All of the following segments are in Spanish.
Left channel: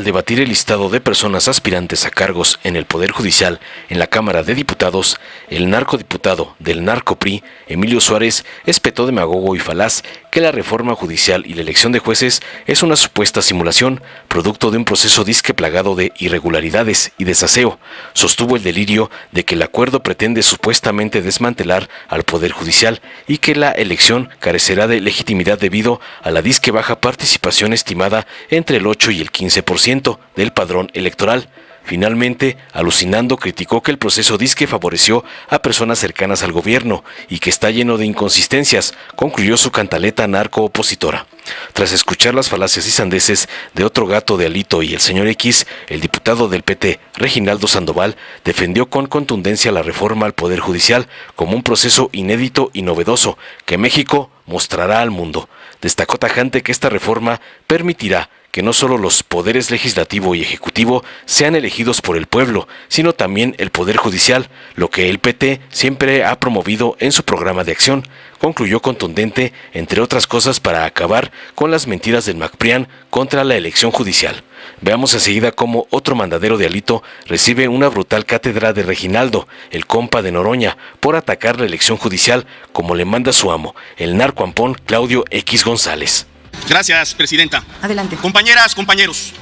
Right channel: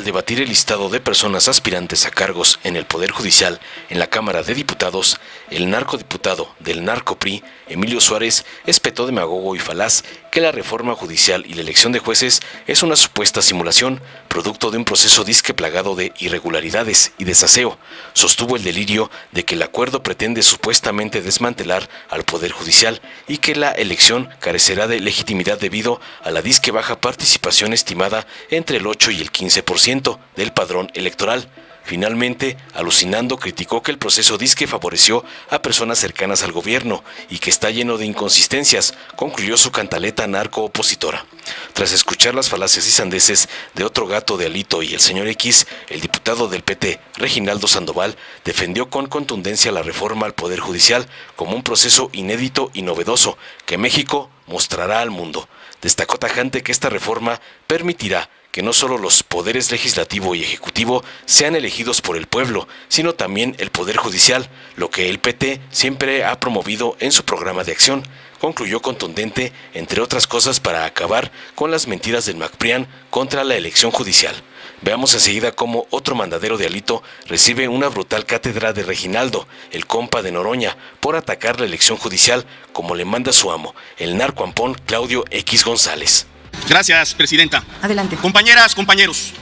al debatir el listado de personas aspirantes a cargos en el Poder Judicial en la Cámara de Diputados, el narcodiputado del narco-PRI, Emilio Suárez, espetó demagogo y falaz que la reforma judicial y la elección de jueces es una supuesta simulación, producto de un proceso disque plagado de irregularidades y desaseo. Sostuvo el delirio de que el acuerdo pretende supuestamente desmantelar al Poder Judicial y que la elección carecerá de legitimidad debido a la disque baja participación estimada entre el 8 y el 15% del padrón electoral. Finalmente, alucinando, criticó que el proceso disque favoreció a personas cercanas al gobierno y que está lleno de inconsistencias, concluyó su cantaleta narco-opositora. Tras escuchar las falacias y sandeces de otro gato de Alito y el señor X, el diputado del PT, Reginaldo Sandoval, defendió con contundencia la reforma al Poder Judicial como un proceso inédito y novedoso que México mostrará al mundo. Destacó tajante que esta reforma permitirá que no solo los poderes legislativo y ejecutivo sean elegidos por el pueblo, sino también el Poder Judicial, lo que el PT siempre ha promovido en su programa de acción. Concluyó contundente, entre otras cosas, para acabar con las mentiras del MacPrián contra la elección judicial. Veamos enseguida cómo otro mandadero de Alito recibe una brutal cátedra de Reginaldo, el compa de Noroña, por atacar la elección judicial como le manda su amo, el narcoampón Claudio X González. Gracias, presidenta. Adelante. Compañeras, compañeros,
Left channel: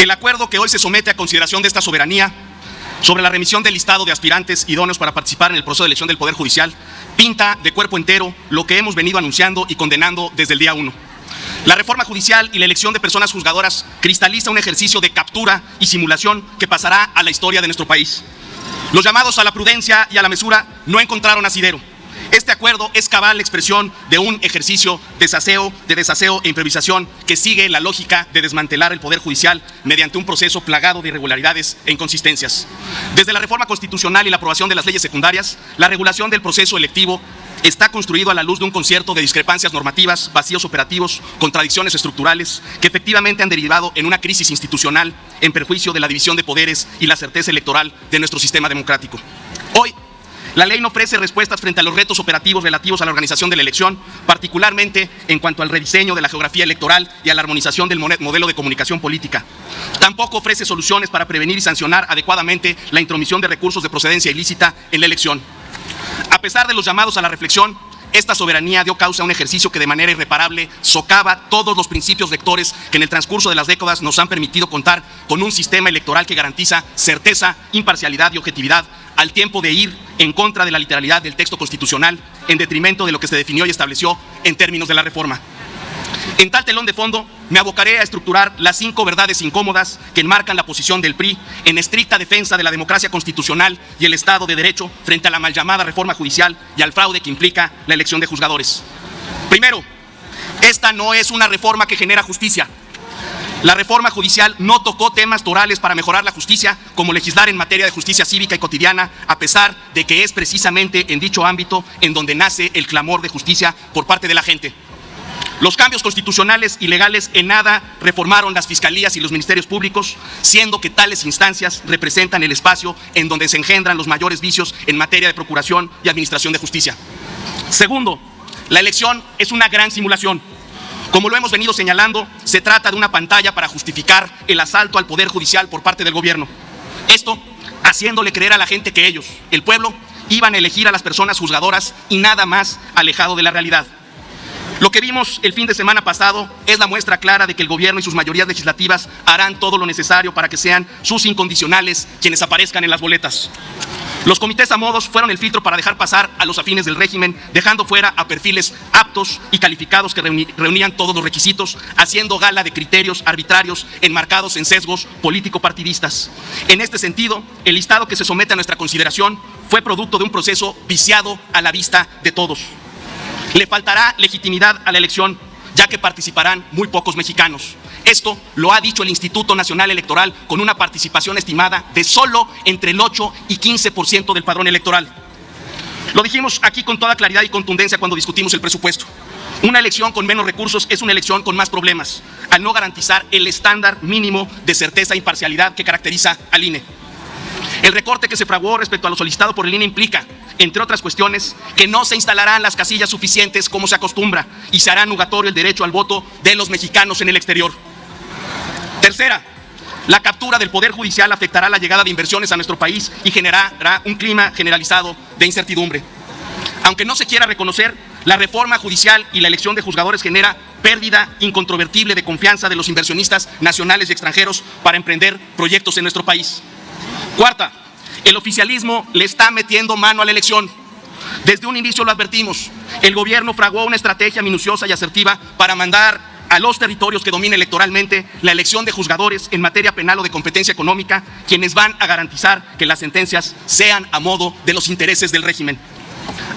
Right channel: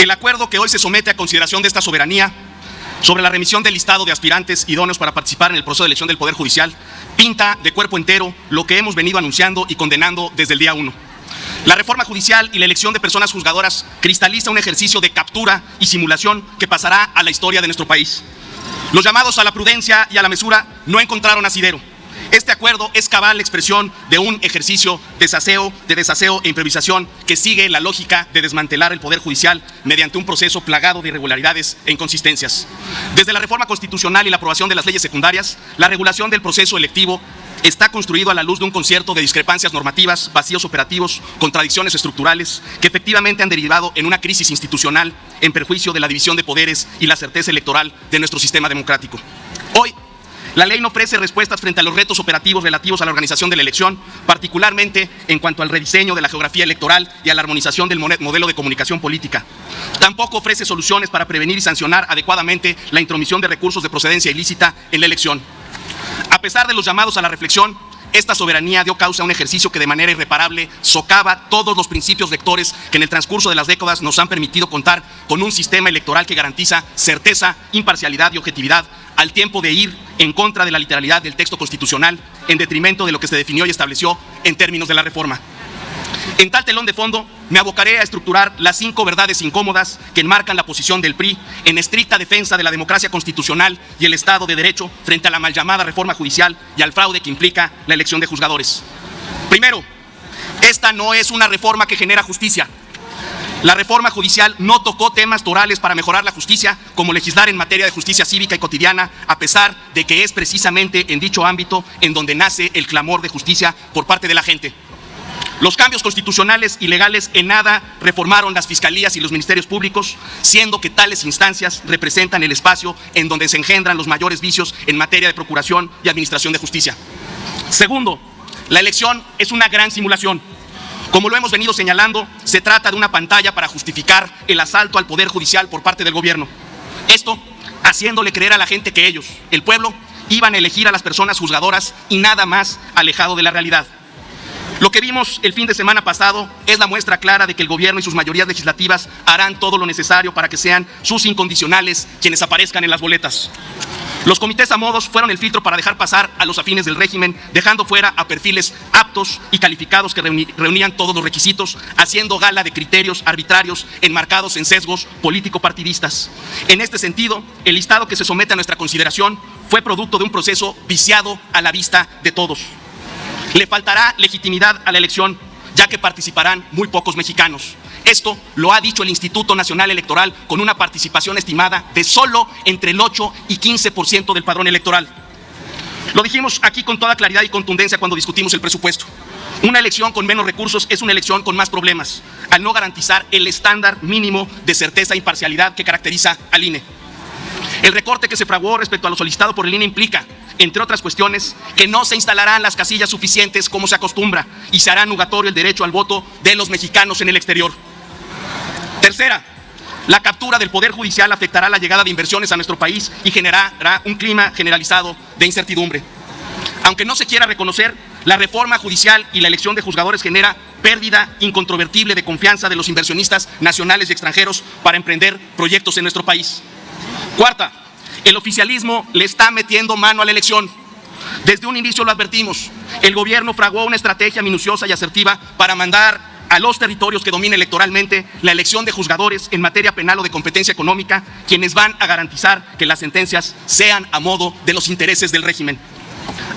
el acuerdo que hoy se somete a consideración de esta soberanía sobre la remisión del listado de aspirantes idóneos para participar en el proceso de elección del Poder Judicial pinta de cuerpo entero lo que hemos venido anunciando y condenando desde el día 1. La reforma judicial y la elección de personas juzgadoras cristaliza un ejercicio de captura y simulación que pasará a la historia de nuestro país. Los llamados a la prudencia y a la mesura no encontraron asidero. Este acuerdo es cabal expresión de un ejercicio de desaseo e improvisación que sigue la lógica de desmantelar el Poder Judicial mediante un proceso plagado de irregularidades e inconsistencias. Desde la reforma constitucional y la aprobación de las leyes secundarias, la regulación del proceso electivo está construido a la luz de un concierto de discrepancias normativas, vacíos operativos, contradicciones estructurales que efectivamente han derivado en una crisis institucional en perjuicio de la división de poderes y la certeza electoral de nuestro sistema democrático. Hoy, la ley no ofrece respuestas frente a los retos operativos relativos a la organización de la elección, particularmente en cuanto al rediseño de la geografía electoral y a la armonización del modelo de comunicación política. Tampoco ofrece soluciones para prevenir y sancionar adecuadamente la intromisión de recursos de procedencia ilícita en la elección. A pesar de los llamados a la reflexión, esta soberanía dio causa a un ejercicio que de manera irreparable socava todos los principios rectores que en el transcurso de las décadas nos han permitido contar con un sistema electoral que garantiza certeza, imparcialidad y objetividad, al tiempo de ir en contra de la literalidad del texto constitucional, en detrimento de lo que se definió y estableció en términos de la reforma. En tal telón de fondo, me abocaré a estructurar las 5 verdades incómodas que enmarcan la posición del PRI en estricta defensa de la democracia constitucional y el Estado de Derecho frente a la mal llamada reforma judicial y al fraude que implica la elección de juzgadores. Primero, esta no es una reforma que genera justicia. La reforma judicial no tocó temas torales para mejorar la justicia, como legislar en materia de justicia cívica y cotidiana, a pesar de que es precisamente en dicho ámbito en donde nace el clamor de justicia por parte de la gente. Los cambios constitucionales y legales en nada reformaron las fiscalías y los ministerios públicos, siendo que tales instancias representan el espacio en donde se engendran los mayores vicios en materia de procuración y administración de justicia. Segundo, la elección es una gran simulación. Como lo hemos venido señalando, se trata de una pantalla para justificar el asalto al Poder Judicial por parte del gobierno. Esto haciéndole creer a la gente que ellos, el pueblo, iban a elegir a las personas juzgadoras y nada más alejado de la realidad. Lo que vimos el fin de semana pasado es la muestra clara de que el gobierno y sus mayorías legislativas harán todo lo necesario para que sean sus incondicionales quienes aparezcan en las boletas. Los comités a modos fueron el filtro para dejar pasar a los afines del régimen, dejando fuera a perfiles aptos y calificados que reunían todos los requisitos, haciendo gala de criterios arbitrarios enmarcados en sesgos político-partidistas. En este sentido, el listado que se somete a nuestra consideración fue producto de un proceso viciado a la vista de todos. Le faltará legitimidad a la elección, ya que participarán muy pocos mexicanos. Esto lo ha dicho el Instituto Nacional Electoral con una participación estimada de solo entre el 8 y 15% del padrón electoral. Lo dijimos aquí con toda claridad y contundencia cuando discutimos el presupuesto. Una elección con menos recursos es una elección con más problemas, al no garantizar el estándar mínimo de certeza e imparcialidad que caracteriza al INE. El recorte que se fraguó respecto a lo solicitado por el INE implica, entre otras cuestiones, que no se instalarán las casillas suficientes como se acostumbra y se hará nugatorio el derecho al voto de los mexicanos en el exterior. Tercera, La captura del Poder Judicial afectará la llegada de inversiones a nuestro país y generará un clima generalizado de incertidumbre. Aunque no se quiera reconocer, la reforma judicial y la elección de juzgadores genera pérdida incontrovertible de confianza de los inversionistas nacionales y extranjeros para emprender proyectos en nuestro país. Cuarta, el oficialismo le está metiendo mano a la elección. Desde un inicio lo advertimos. El gobierno fraguó una estrategia minuciosa y asertiva para mandar a los territorios que dominen electoralmente la elección de juzgadores en materia penal o de competencia económica, quienes van a garantizar que las sentencias sean a modo de los intereses del régimen.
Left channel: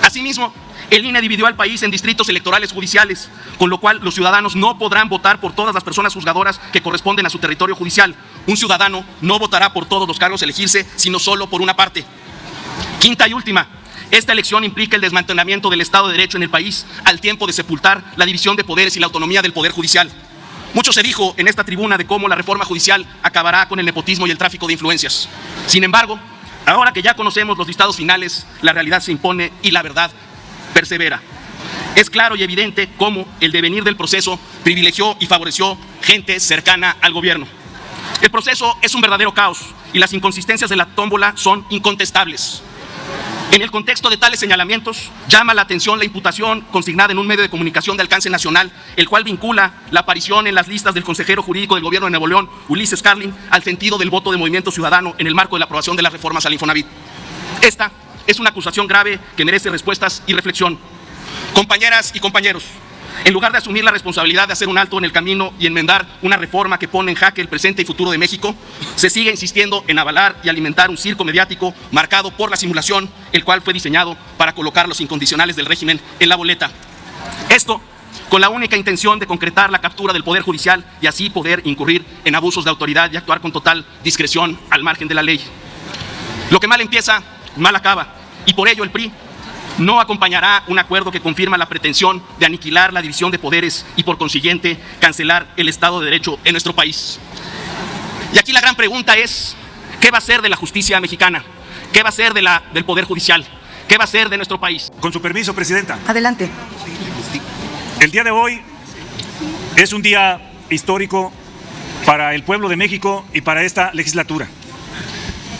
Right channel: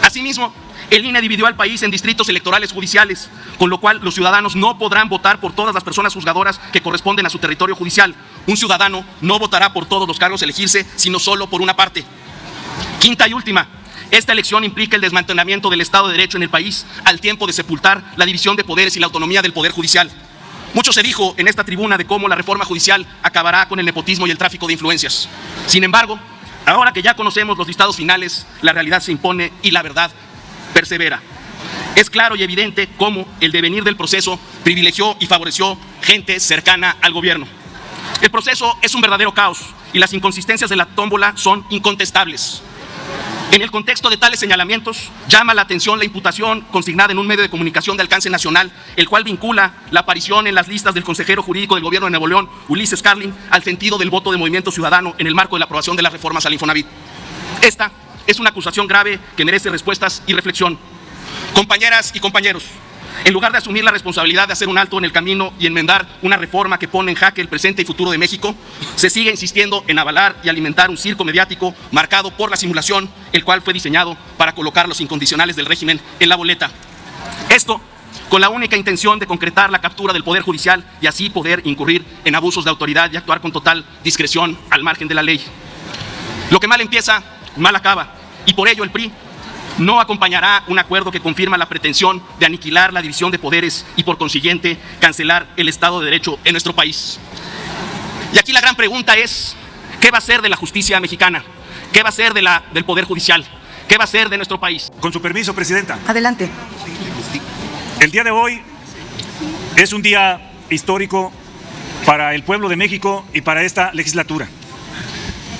Asimismo, el INE dividió al país en distritos electorales judiciales, con lo cual los ciudadanos no podrán votar por todas las personas juzgadoras que corresponden a su territorio judicial. Un ciudadano no votará por todos los cargos a elegirse, sino solo por una parte. Quinta y última, esta elección implica el desmantelamiento del Estado de Derecho en el país, al tiempo de sepultar la división de poderes y la autonomía del Poder Judicial. Mucho se dijo en esta tribuna de cómo la reforma judicial acabará con el nepotismo y el tráfico de influencias. Sin embargo, ahora que ya conocemos los listados finales, la realidad se impone y la verdad persevera. Es claro y evidente cómo el devenir del proceso privilegió y favoreció gente cercana al gobierno. El proceso es un verdadero caos y las inconsistencias de la tómbola son incontestables. En el contexto de tales señalamientos, llama la atención la imputación consignada en un medio de comunicación de alcance nacional, el cual vincula la aparición en las listas del consejero jurídico del gobierno de Nuevo León, Ulises Carlin, al sentido del voto de Movimiento Ciudadano en el marco de la aprobación de las reformas al Infonavit. Esta es una acusación grave que merece respuestas y reflexión. Compañeras y compañeros, en lugar de asumir la responsabilidad de hacer un alto en el camino y enmendar una reforma que pone en jaque el presente y futuro de México, se sigue insistiendo en avalar y alimentar un circo mediático marcado por la simulación, el cual fue diseñado para colocar los incondicionales del régimen en la boleta. Esto con la única intención de concretar la captura del Poder Judicial y así poder incurrir en abusos de autoridad y actuar con total discreción al margen de la ley. Lo que mal empieza, mal acaba, y por ello el PRI no acompañará un acuerdo que confirma la pretensión de aniquilar la división de poderes y por consiguiente cancelar el Estado de Derecho en nuestro país. Y aquí la gran pregunta es, ¿qué va a ser de la justicia mexicana? ¿Qué va a ser del Poder Judicial? ¿Qué va a ser de nuestro país? Con su permiso, Presidenta. Adelante. El día de hoy es un día histórico para el pueblo de México y para esta legislatura.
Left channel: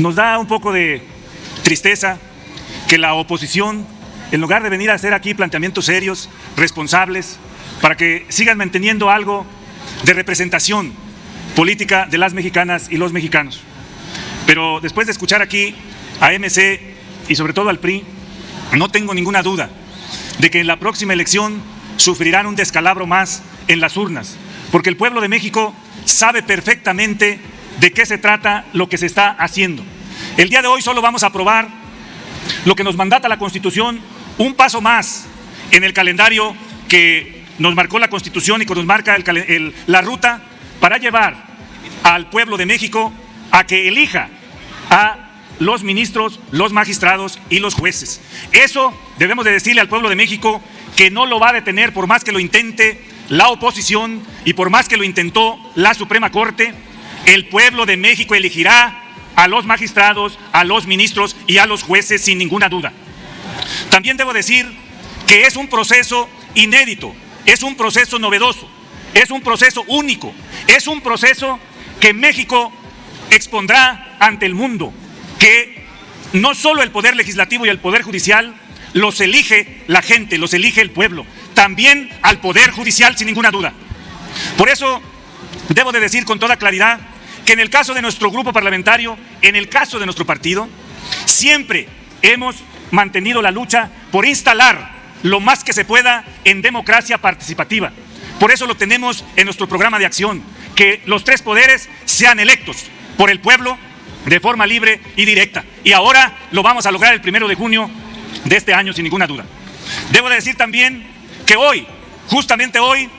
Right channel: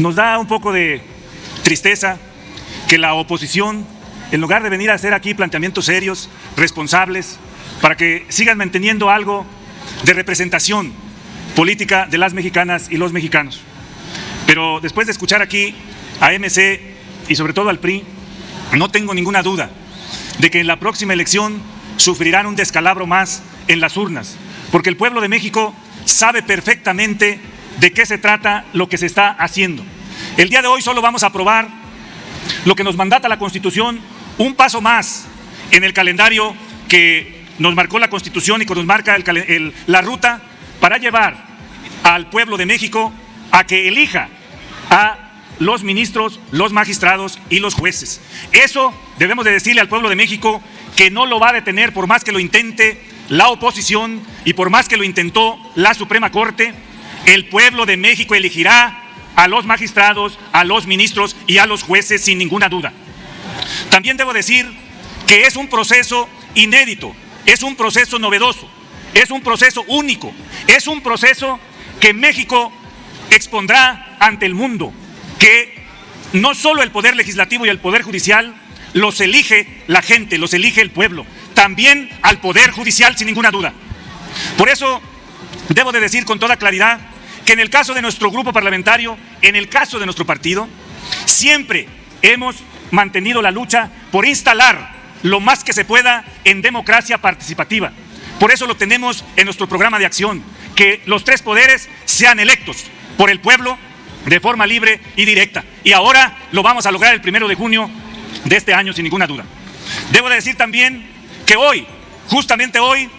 Nos da un poco de tristeza que la oposición, en lugar de venir a hacer aquí planteamientos serios, responsables, para que sigan manteniendo algo de representación política de las mexicanas y los mexicanos. Pero después de escuchar aquí a MC y sobre todo al PRI, no tengo ninguna duda de que en la próxima elección sufrirán un descalabro más en las urnas, porque el pueblo de México sabe perfectamente de qué se trata lo que se está haciendo. El día de hoy solo vamos a aprobar lo que nos mandata la Constitución, un paso más en el calendario que nos marcó la Constitución y que nos marca la ruta para llevar al pueblo de México a que elija a los ministros, los magistrados y los jueces. Eso debemos de decirle al pueblo de México que no lo va a detener por más que lo intente la oposición y por más que lo intentó la Suprema Corte. El pueblo de México elegirá a los magistrados, a los ministros y a los jueces sin ninguna duda. También debo decir que es un proceso inédito, es un proceso novedoso, es un proceso único, es un proceso que México expondrá ante el mundo, que no solo el Poder Legislativo y el Poder Judicial los elige la gente, los elige el pueblo, también al Poder Judicial sin ninguna duda. Por eso debo de decir con toda claridad que en el caso de nuestro grupo parlamentario, en el caso de nuestro partido, siempre hemos mantenido la lucha por instalar lo más que se pueda en democracia participativa. Por eso lo tenemos en nuestro programa de acción, que los tres poderes sean electos por el pueblo de forma libre y directa. Y ahora lo vamos a lograr el 1 de junio de este año sin ninguna duda. Debo decir también que hoy, justamente hoy,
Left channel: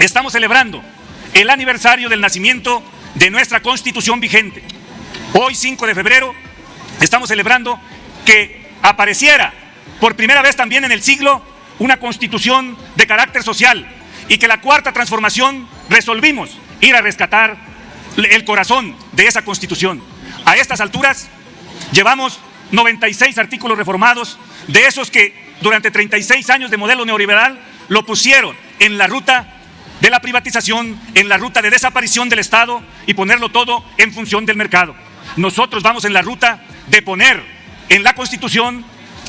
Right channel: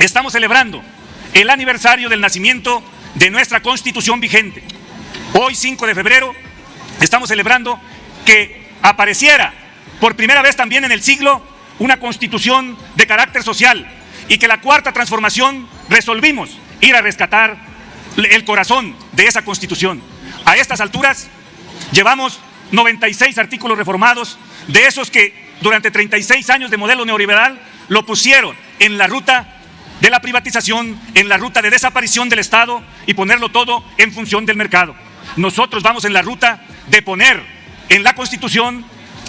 estamos celebrando el aniversario del nacimiento de nuestra Constitución vigente. Hoy, 5 de febrero, estamos celebrando que apareciera por primera vez también en el siglo una Constitución de carácter social y que la Cuarta Transformación resolvimos ir a rescatar el corazón de esa Constitución. A estas alturas llevamos 96 artículos reformados, de esos que durante 36 años de modelo neoliberal lo pusieron en la ruta de la privatización en la ruta de desaparición del Estado y ponerlo todo en función del mercado. Nosotros vamos en la ruta de poner en la Constitución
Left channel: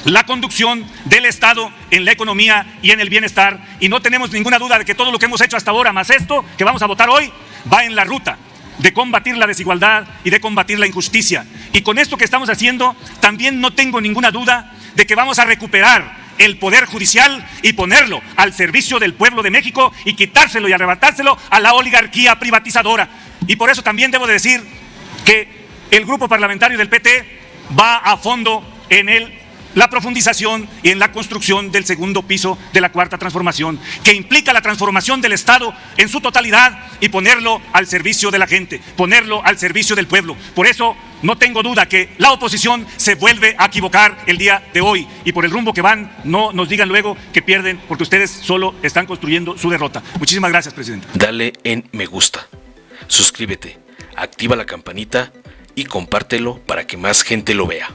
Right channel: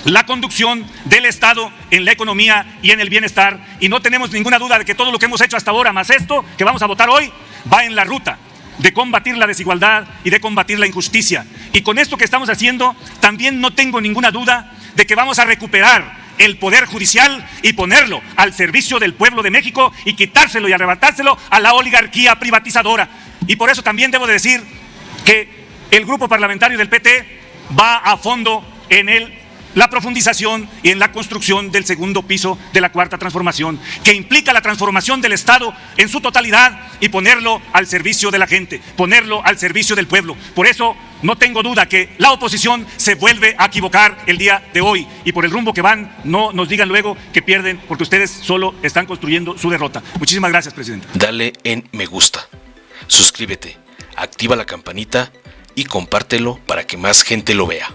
la conducción del Estado en la economía y en el bienestar, y no tenemos ninguna duda de que todo lo que hemos hecho hasta ahora, más esto que vamos a votar hoy, va en la ruta de combatir la desigualdad y de combatir la injusticia. Y con esto que estamos haciendo, también no tengo ninguna duda de que vamos a recuperar el Poder Judicial y ponerlo al servicio del pueblo de México y quitárselo y arrebatárselo a la oligarquía privatizadora. Y por eso también debo decir que el grupo parlamentario del PT va a fondo en la profundización y en la construcción del segundo piso de la Cuarta Transformación, que implica la transformación del Estado en su totalidad y ponerlo al servicio de la gente, ponerlo al servicio del pueblo. Por eso no tengo duda que la oposición se vuelve a equivocar el día de hoy, y por el rumbo que van, no nos digan luego que pierden, porque ustedes solo están construyendo su derrota. Muchísimas gracias, presidente. Dale en me gusta, suscríbete, activa la campanita y compártelo para que más gente lo vea.